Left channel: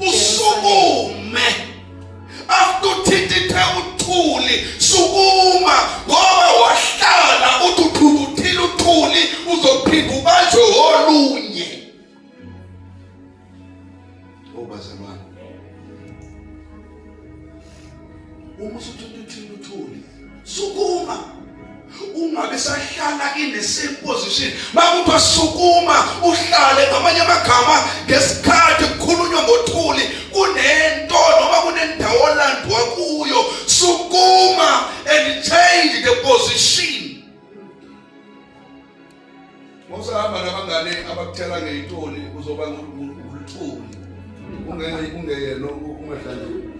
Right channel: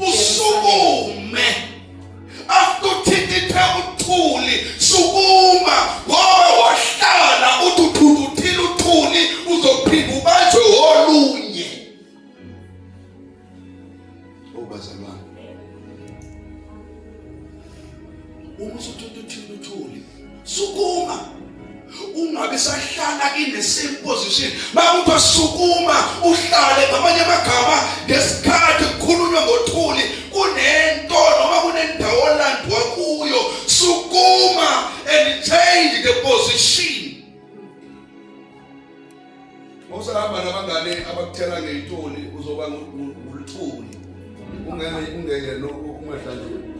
usukume akuthithithe uthuli sukuma ngoba wahlala uthuthuluthile uthuli uzophinda ubanjwe olunye obazalwane uma usuthuthuluthile uthuli sukuma ungabe sahlala in the same position makuthi sukuma uhlale ngamanye amagama ngesikhathi kukhulunywa ngothuli kunento noma kunendawo olandwa kuyo sukuma and change the position. Mawusahamba nabangane abakuthela ngeyithuli uzoba nguluthuli ungeke umadlalo.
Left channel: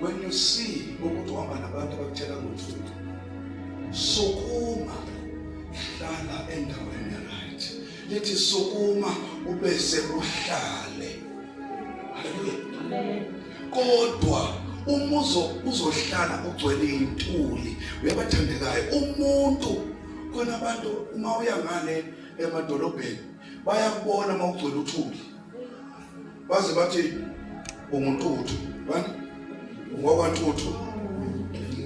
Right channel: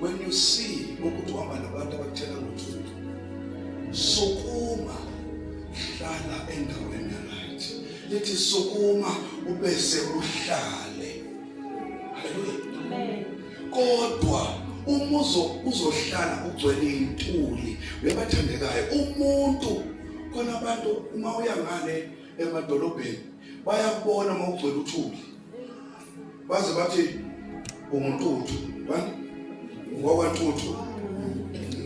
When you see ukuthi uhamba nabantu abakuthela ngothuli sukuma hlala endaweni right lithi sukuma ubese uhlale. Haleluya. Amen. Kodwa umuzo uzohlala ugcwele intuli uyabathandekayo umuntu khona abantu uma uya ngane emadolobheni bayakubona uma ugcwele uthuli baze bathi umuntuthu bani ngokwantuthu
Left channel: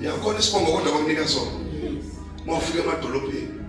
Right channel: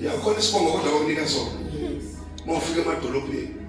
yakhona isibongo kodwa bakunika sona mawufika emadolobheni